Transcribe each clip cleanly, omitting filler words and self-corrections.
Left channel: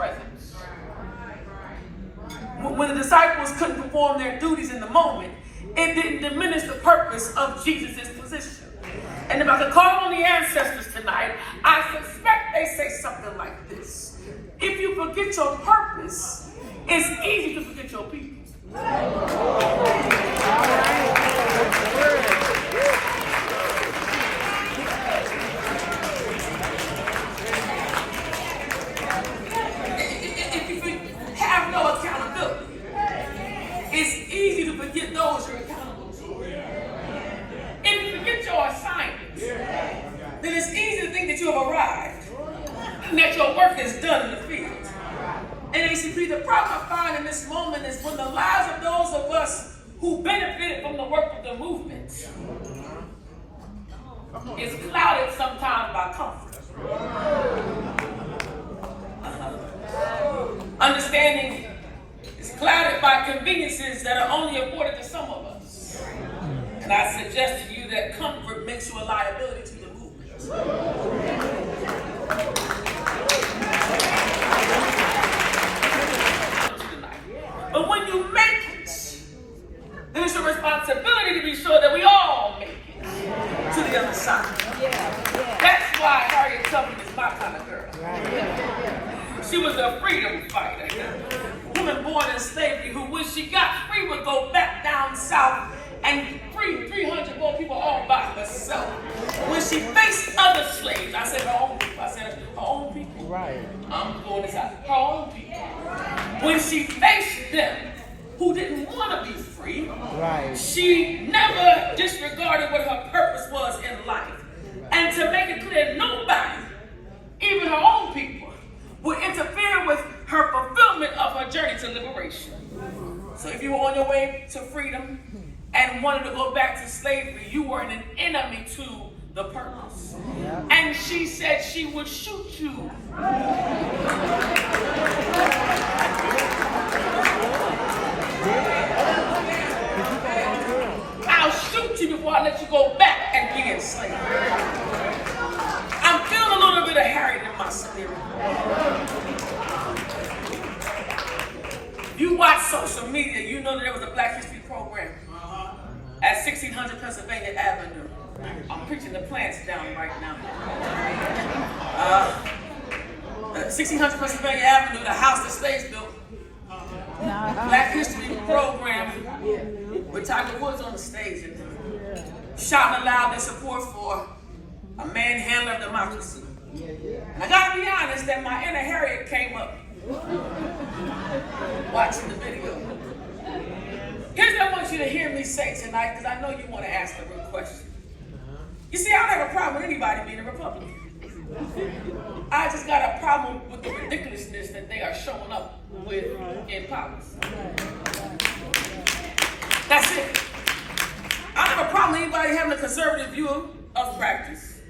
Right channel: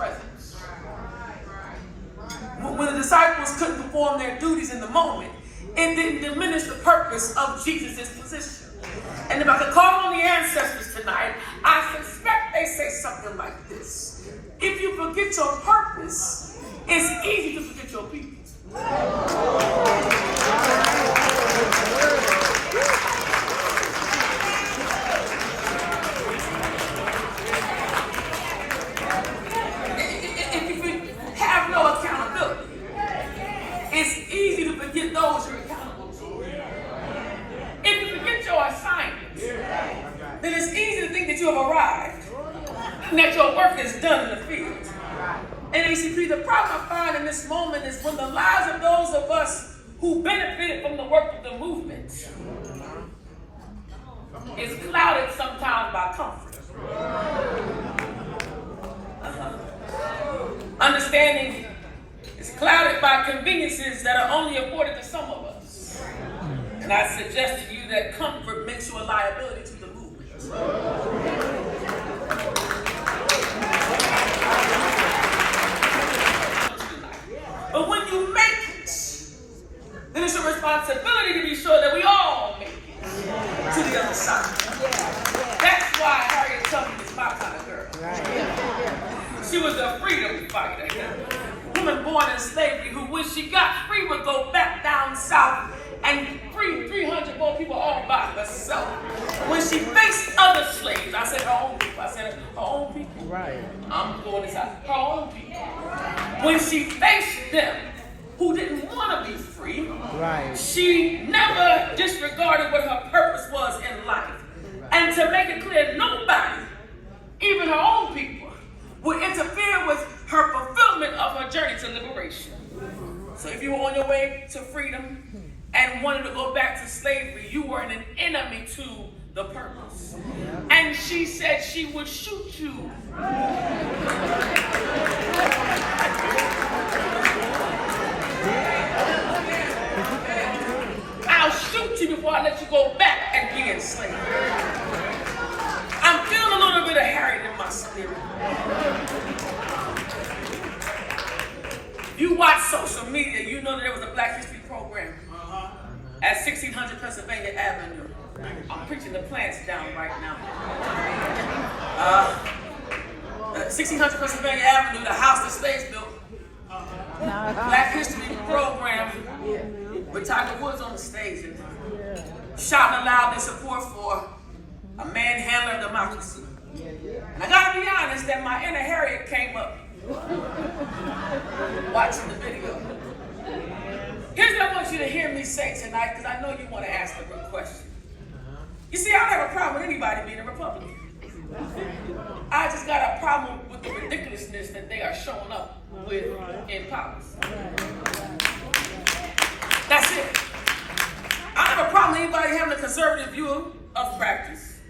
presence. When the disciples couldn't perform their duties in the moment, it didn't diminish the purpose of Jesus' position. And if I could call on the ancestors tonight, I suspect they say something like this: if you forget your purpose, it's easy to forget your people. If you have no accountability, it's easy to forget those you're accountable to. If you forget your assignment, then it's easy to think that you have arrived and that your work is done in the field. NAACP, the problem I find in this moment is when the lives of those of us who benefited from the work of the movement is clouded sometimes by comfort. Understanding is clouded by conveniences that are only afforded to some of us. And I suggest to you that comfort makes you a liability to the movement. But when you make it, then it's your responsibility to be sure that we all make it to the other side. That's why Harriet Tubman is my kind of girl. She was a freedom fighter. Woman born in slavery who, when she got free, would go back down south and free 300 more people all by herself. When she faced other slaves, I said her own people. I said her own people. Right. I'm going this out. Her own people. When she faced them who didn't want to be free, right, she never disregarded what her purpose was in life. And to make it clear, nobody, even her own people, would interfere with her fulfillment of her journey to liberation. So if you were on your way to freedom and wanted to go back to slavery, you were an enemy to the purpose. And she said she would shoot you. I'll shoot you before I let you go back and be enslaved. I'm feeling a little bit of Harriet in my spirit. You watch social media, you know that there was a Black History program at 1600 Pennsylvania Avenue. I'm preaching the plants down right now. 1600 Pennsylvania Avenue, the house the slaves built. Black History program with Tiger Woods on the stage and shouting aloud their support for a manhandler of democracy. And I gotta be honest that my inner Harriet came up watching the video. Here's what I want you to hear me say tonight, because I know you want to ask a good question. You see, I don't have a problem with anybody being a Republican. I just got a problem with the ridiculousness that they are showing up with in policy. That's it. I don't have a problem with anybody having a conservative view of practice,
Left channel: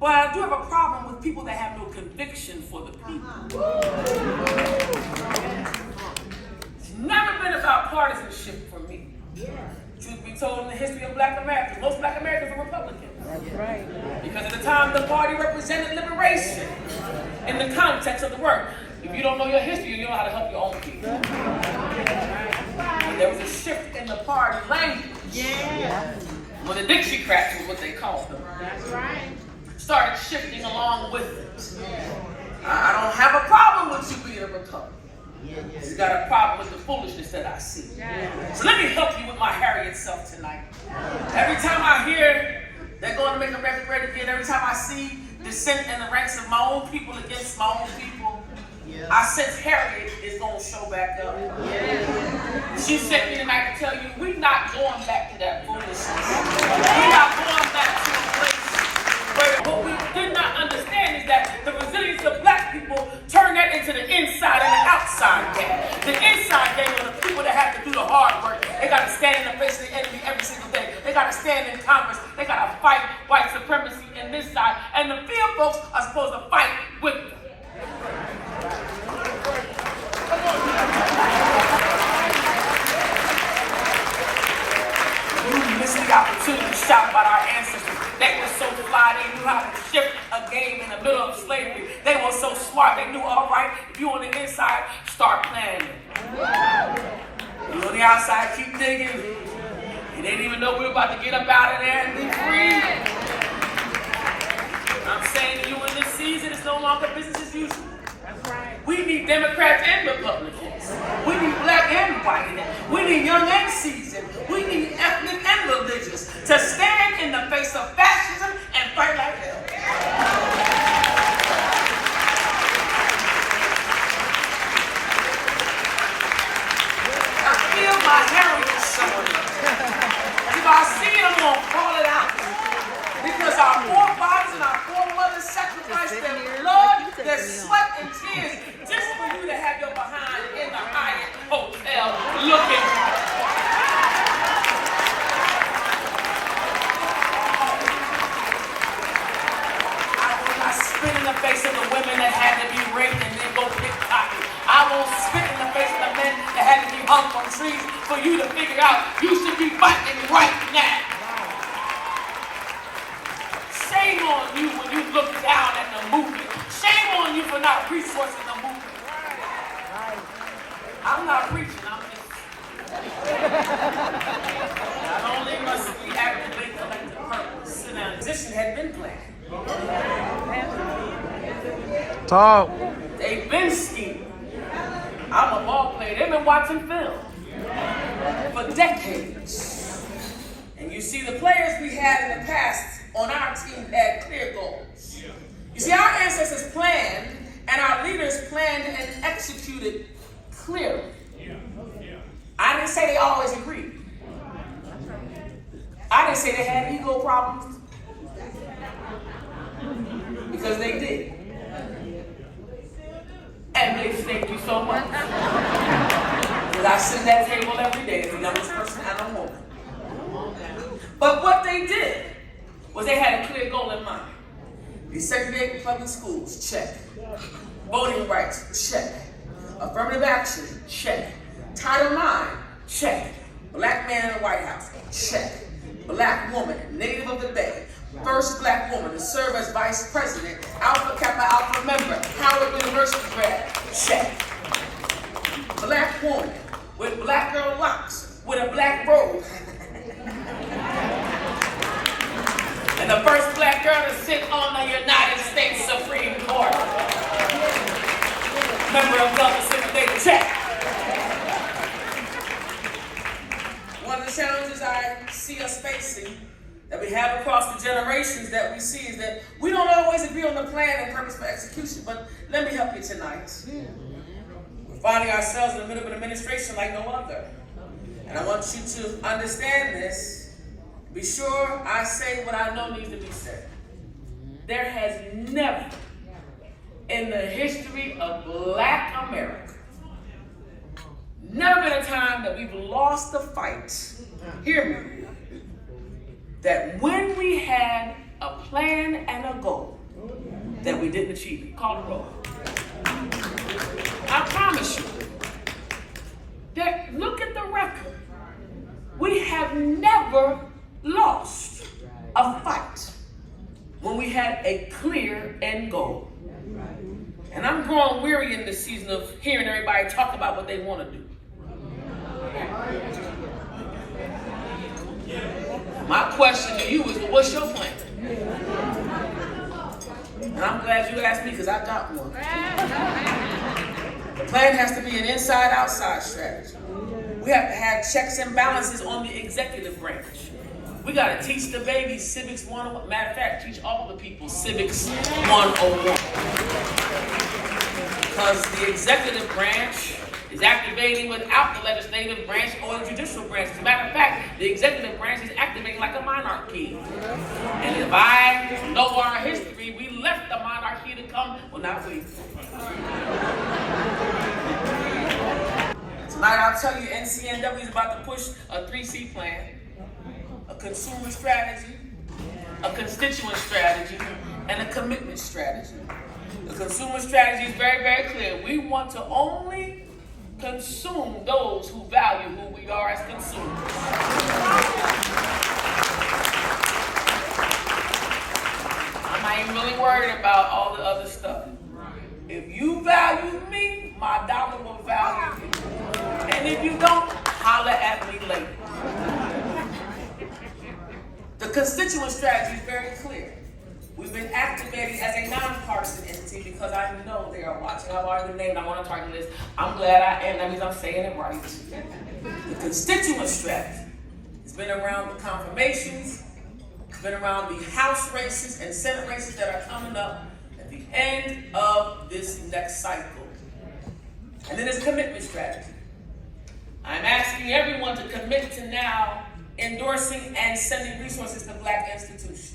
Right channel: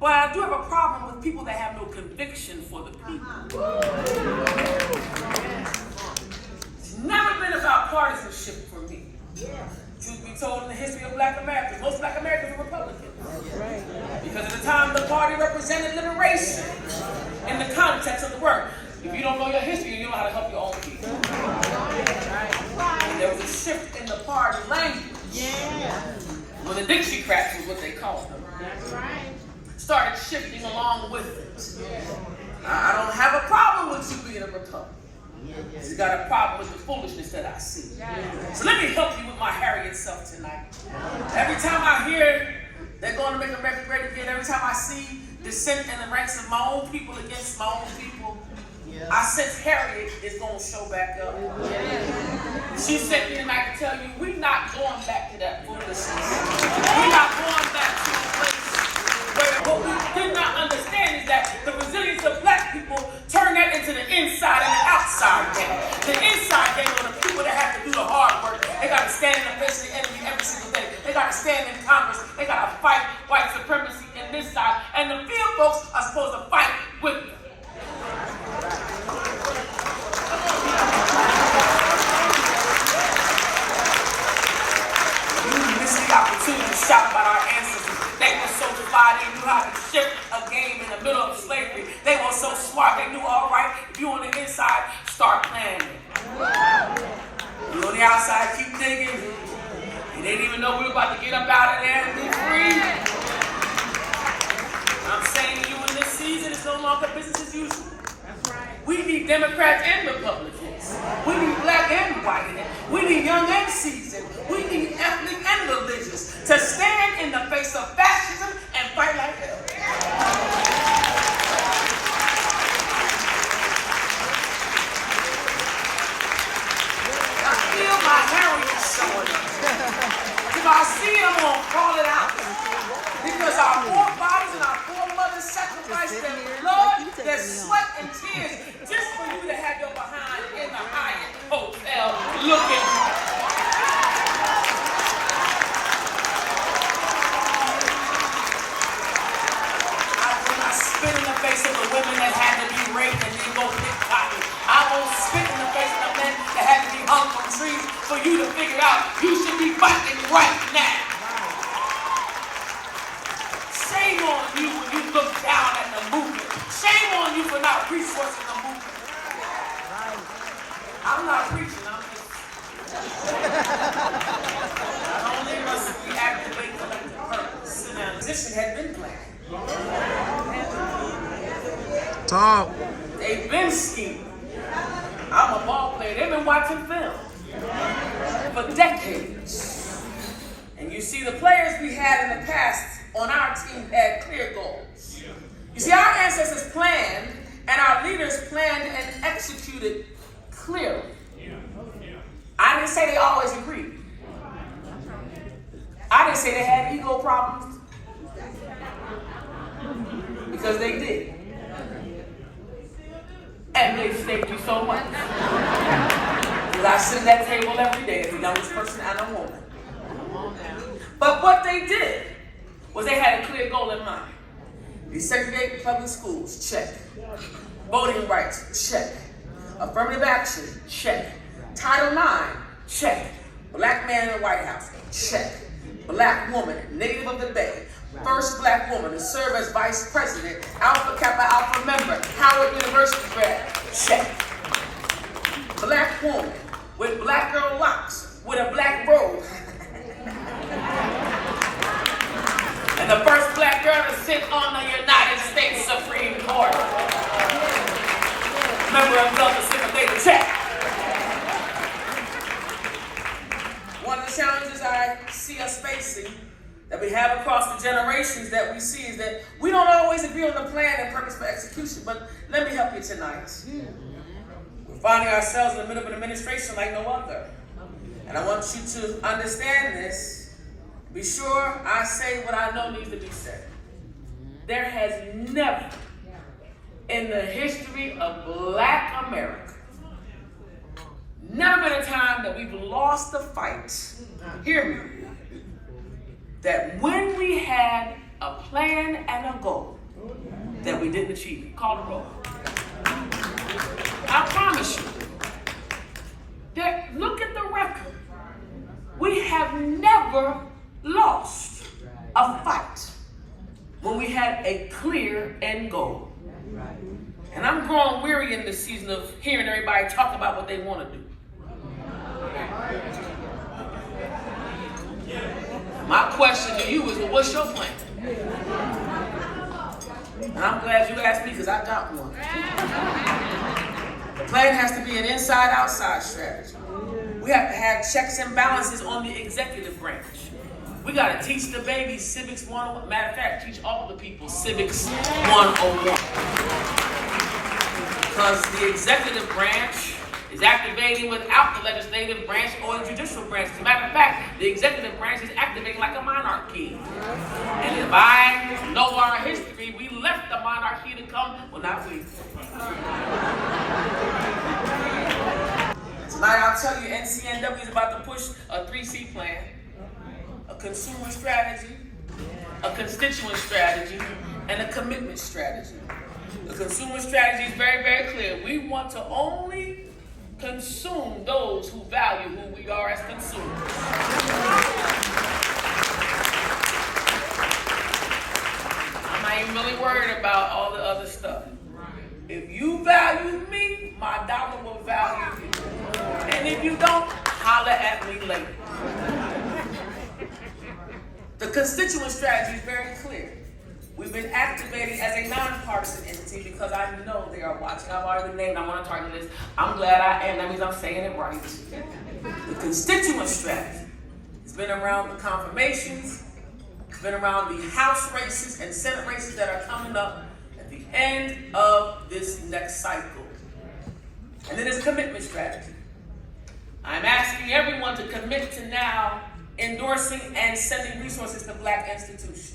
but I do have a problem with people that have no conviction for the people. It's never been about partisanship for me. Truth be told, in the history of Black Americans, most Black Americans are Republicans. Because at the time, the party represented liberation in the context of the work. If you don't know your history, you don't know how to help your own people. There was a shift in the party language. When the Dixiecrats was what they called them. That's right. Started shifting along with it. I don't have a problem with you being a Republican. It's got a problem with the foolishness that I see. So let me help you with my Harriet self tonight. Every time I hear they're going to make America great again, every time I see dissent in the ranks of my own people against my own people, I sense Harriet is going to show back up. She sent me tonight to tell you, we're not going back to that foolishness. We're not going back to the place. But what we did not understand is that the resilience of Black people turned that into the inside and the outside game. The inside game are the people that have to do the hard work. They got to stand in the face of the enemy every single day. They got to stand in Congress. They got to fight white supremacy in this side. And the field folks are supposed to fight with them. This is the opportunity to shout about our ancestors. They were so fly, they knew how to shift a game in the middle of slavery. They were so smart, they knew, all right, if you're on the start planning. You on the outside, keep thinking. You didn't even know we're about to get up out of there and be free. I'm saying to you in this season, it's no longer business as usual. That's right. We need Democrats and Republicans. We need black and white. We need young and seasoned. We need ethnic and religious to stand in the face of fascism and fight like hell. I feel my heritage showing up. If I see them, I'm gonna call it out. Because our forefathers and our foremothers sacrificed their blood, their sweat, and tears just for you to have your behind in the Hyatt Hotel looking right. I spit in the face of the women that had to be raped and then go pickpocket. I won't spit in the face of the men that had to be hung from trees for you to figure out you should be fighting right now. Shame on you when you look down at the movement. Shame on you for not resourcing the movement. I'm not preaching, I'm just... Only must we activate collective purpose. And a position had been planned. Talk. They've been scheming. I'm a ball player. They've been watching film for decades. And you see, the players we had in the past on our team had clear goals. You see, our ancestors planned and our leaders planned and executed clearly. I didn't say they always agreed. I didn't say they had ego problems. Because they did. And they thank you so much. Because I sit at that table every day as the youngest person I know more. But what they did was they had a clear goal in mind. Desegregate public schools, check. Voting rights, check. Affirmative action, check. Title IX, check. Black man in the White House, check. Black woman, native of the Bay. First black woman to serve as vice president, Alpha Kappa Alpha member, Howard University grad, check. Black woman with black girl locks, with a black robe. And the first black girl to sit on the United States Supreme Court. Member of the Pacific Day, check. One of the challenges I see us facing that we have across the generations that we see is that we don't always agree on the plan and purpose for execution, but let me help you tonight. We're finding ourselves in the middle of an administration like no other. And I want you to understand this. Be sure I say what I know needs to be said. There has never, in the history of Black America, never been a time that we've lost the fight. Hear me. That when we had a plan and a goal, that we didn't achieve it. Call the roll. I promise you, that look at the record. We have never lost a fight when we had a clear end goal. And I'm growing weary in this season of hearing everybody talk about what they want to do. My question to you is, well, what's your plan? And I'm glad you asked me because I got one. The plan has to be an inside-outside strategy. We have to have checks and balances on the executive branch. We got to teach the babies Civics 101. Matter of fact, teach all the people Civics 101. Because the executive branch is activating without the legislative branch or the judicial branch. As a matter of fact, the executive branch is activating like a monarchy. And if I know our history, we left the monarchy to come. Well, not we. Tonight I'll tell you NCNW is about to push a 3C plan, a consumer strategy, a constituent strategy, and a commitment strategy. The consumer strategy is very, very clear. We want to only consume those who value who we are as consumers. I'm not even really worried about all the other stuff. If you value me, my dollar will value you. And if you don't, holler at me later. The constituent strategy is very clear. We've been activating as a nonpartisan entity because I know they are watching. I've already named, I want to target this. I'm glad I am. That means I'm saying it right. The constituent strategy has been around the confirmations, it's been around the House races and Senate races that are coming up at the end of this next cycle. And then there's commitment strategy. I'm asking everyone to commit to now endorsing and sending resources to Black institutions.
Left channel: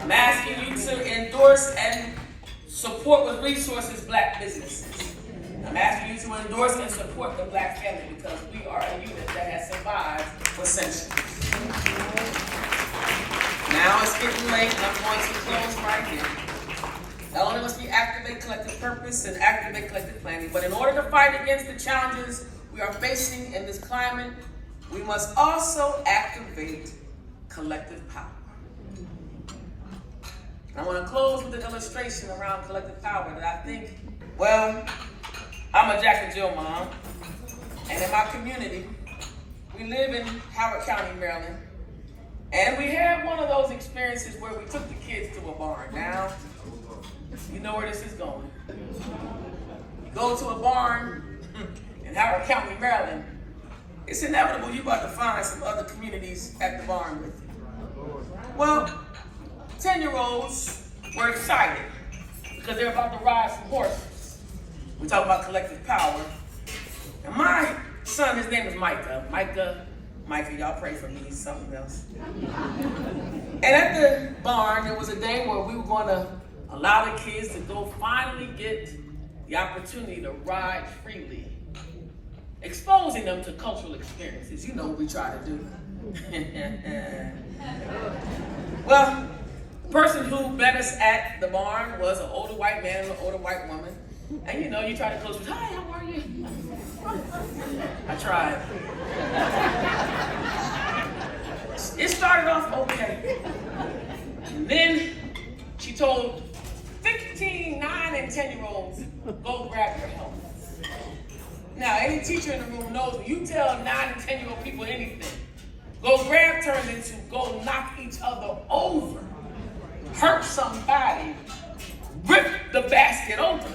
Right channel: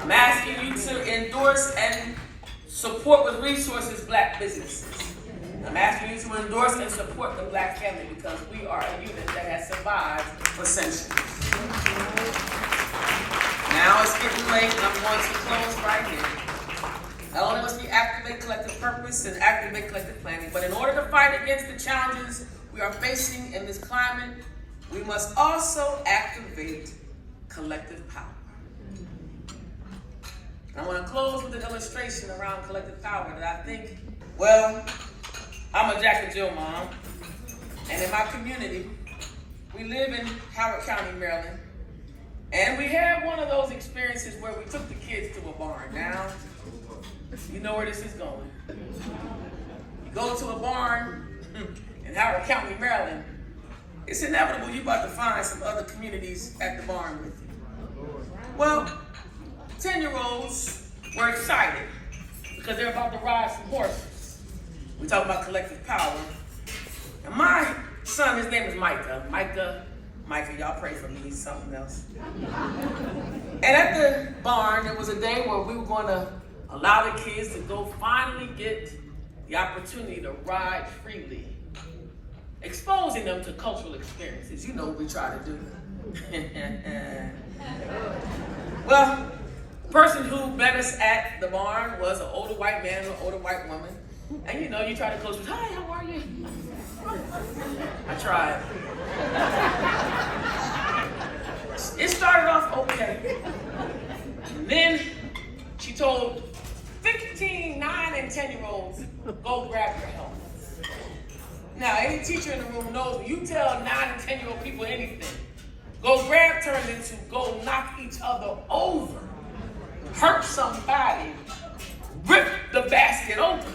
I'm asking you to endorse and support with resources Black businesses. I'm asking you to endorse and support the Black family because we are a unit that has survived for centuries. Now it's getting late and I'm going to close right here. Not only must we activate collective purpose and activate collective planning, but in order to fight against the challenges we are facing in this climate, we must also activate collective power. And I want to close with an illustration around collective power that I think, well, I'm a Jack and Jill mom, and in my community, we live in Howard County, Maryland, and we had one of those experiences where we took the kids to a barn. Now, you know where this is going. You go to a barn in Howard County, Maryland, it's inevitable you're about to find some other communities at the barn with you. Well, 10-year-olds were excited because they're about to ride some horses. We talk about collective power. And my son, his name is Micah, y'all pray for me, he's something else. And at the barn, there was a day where we were going to allow the kids to go finally get the opportunity to ride freely, exposing them to cultural experiences. You know what we try to do. Well, the person who met us at the barn was an older white man and an older white woman. And you know, you try to close with, hi, how are you? I tried. It started off okay. And then she told 15, 9, and 10-year-olds, go grab your helmets. Now, any teacher in the room knows when you tell 9 and 10-year-old people anything, go grab turns into go knock each other over, hurt somebody, rip the basket open,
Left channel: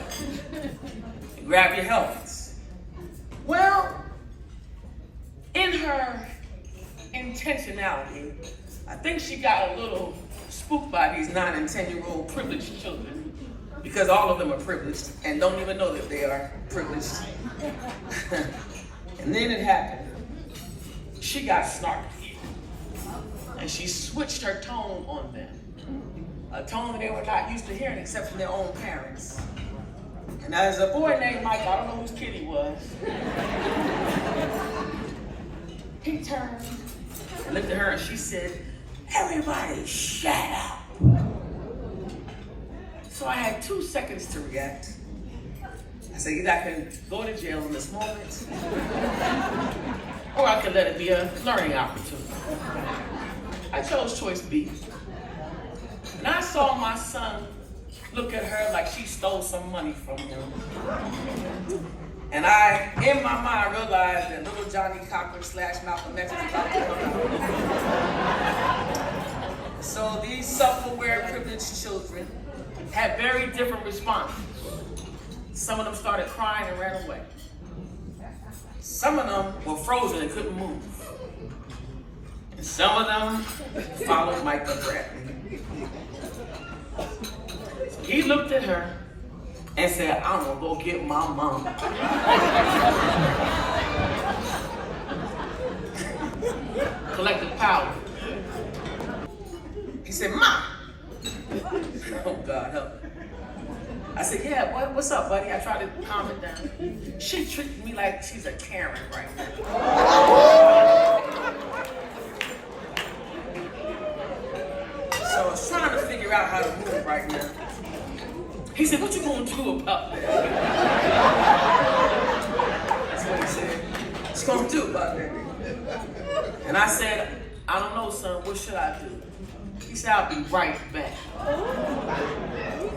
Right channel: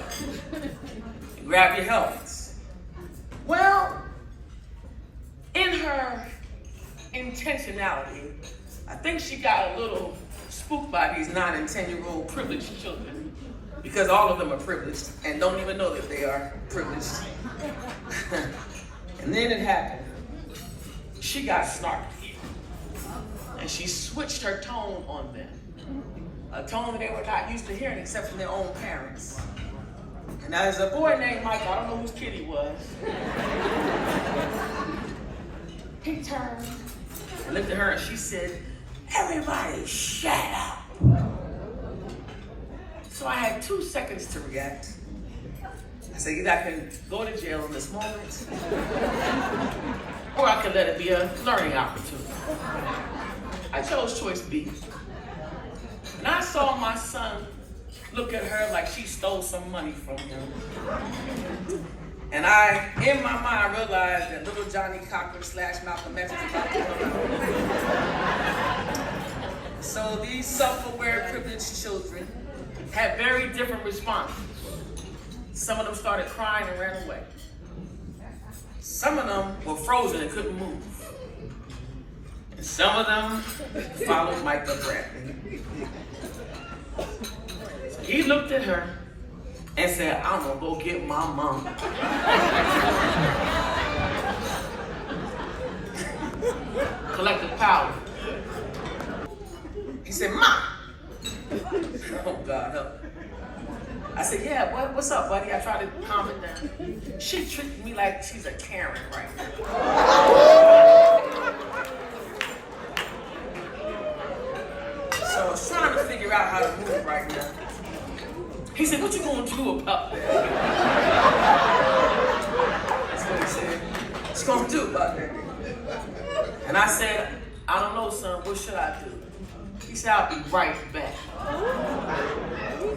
and grab your helmets. Well, in her intentionality, I think she got a little spooked by these 9 and 10-year-old privileged children because all of them are privileged and don't even know that they are privileged. And then it happened. She got snarky and she switched her tone on them. A tone that they were not used to hearing except from their own parents. And there's a boy named Mike, I don't know whose kid he was. He turned and looked at her and she said, everybody shut up. So I had 2 seconds to react. I said, either I can go to jail in this moment, or I could let it be a learning opportunity. I chose choice B. And I saw my son look at her like she stole some money from him. And I, in my mind, realized that little Johnny Cochran / Malcolm X was about to come out. So these self-aware privileged children had very different responses. Some of them started crying and ran away. Some of them were frozen and couldn't move. And some of them followed Micah Bradley. So he looked at her and said, I'm gonna go get my mom. Collective power. He said, Mom. Oh God, help. I said, yeah, what's up, buddy? I tried to calm it down. She treated me like she's a Karen right now. So I was trying to figure out how to move right now. He said, what you gonna do about that? That's what he said. What you gonna do about that? And I said, I don't know, son, what should I do? He said, I'll be right back.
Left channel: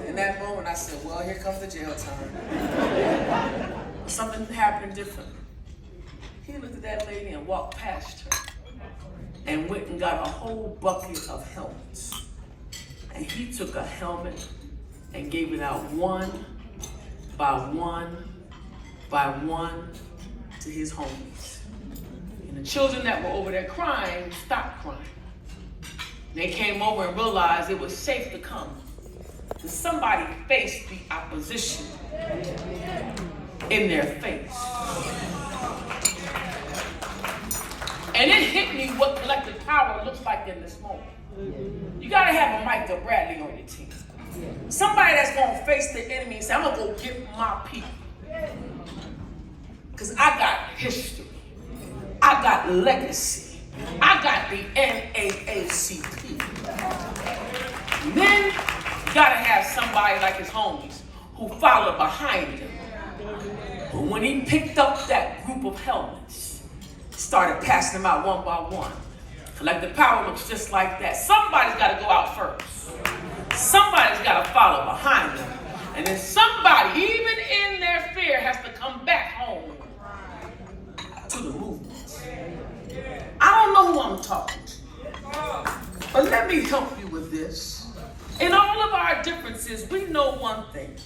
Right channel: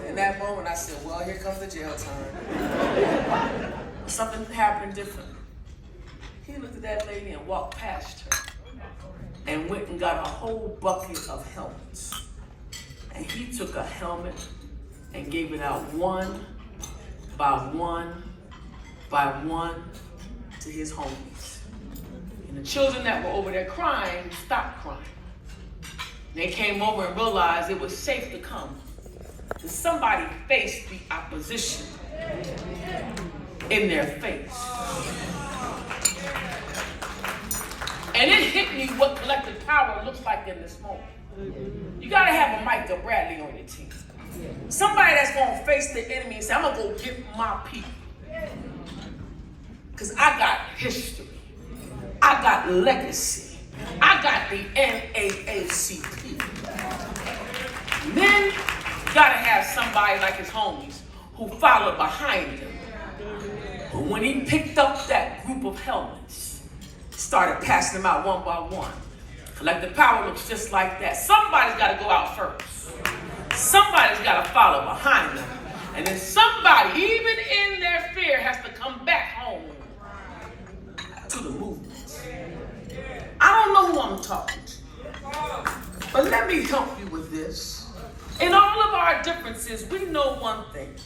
And that moment, I said, well, here comes the jail time. Something happened different. He looked at that lady and walked past her and went and got a whole bucket of helmets. And he took a helmet and gave it out one by one by one to his homies. And the children that were over there crying stopped crying. They came over and realized it was safe to come. And somebody faced the opposition in their face. And it hit me what collective power looks like in this moment. You gotta have a Michael Bradley on your team. Somebody that's gonna face the enemy and say, I'm gonna go get my people. Because I got history. I got legacy. I got the NAACP. Then you gotta have somebody like his homies who followed behind him. But when he picked up that group of helmets, started passing them out one by one. Collective power looks just like that. Somebody's got to go out first. Somebody's got to follow behind them. And then somebody, even in their fear, has to come back home to the movement. I don't know who I'm talking to. But let me help you with this. In all of our differences, we know one thing.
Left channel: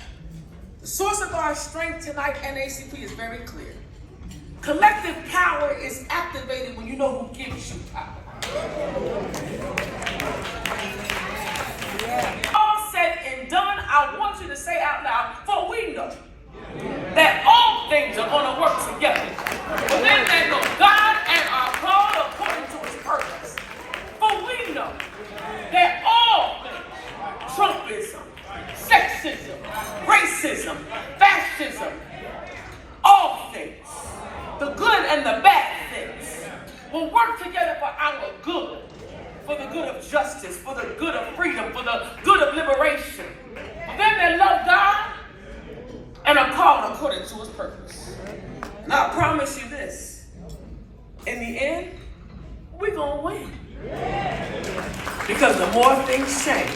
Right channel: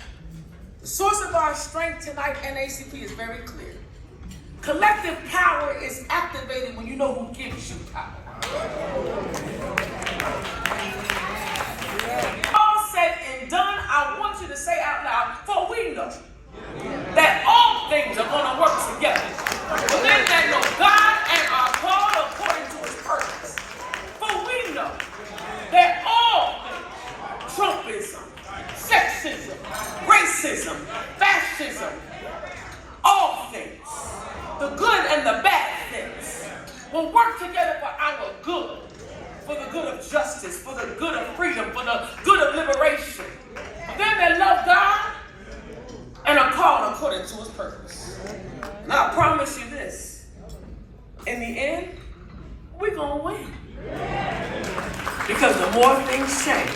The source of our strength tonight, NAACP, is very clear. Collective power is activated when you know who gives you power. All said and done, I want you to say out loud, for we know that all things are going to work together for them that know God and are called according to his purpose. For we know that all things, Trumpism, sexism, racism, fascism, all things, the good and the bad things, will work together for our good, for the good of justice, for the good of freedom, for the good of liberation. For them that love God and are called according to his purpose. And I promise you this, in the end, we're going to win. Because the more things change,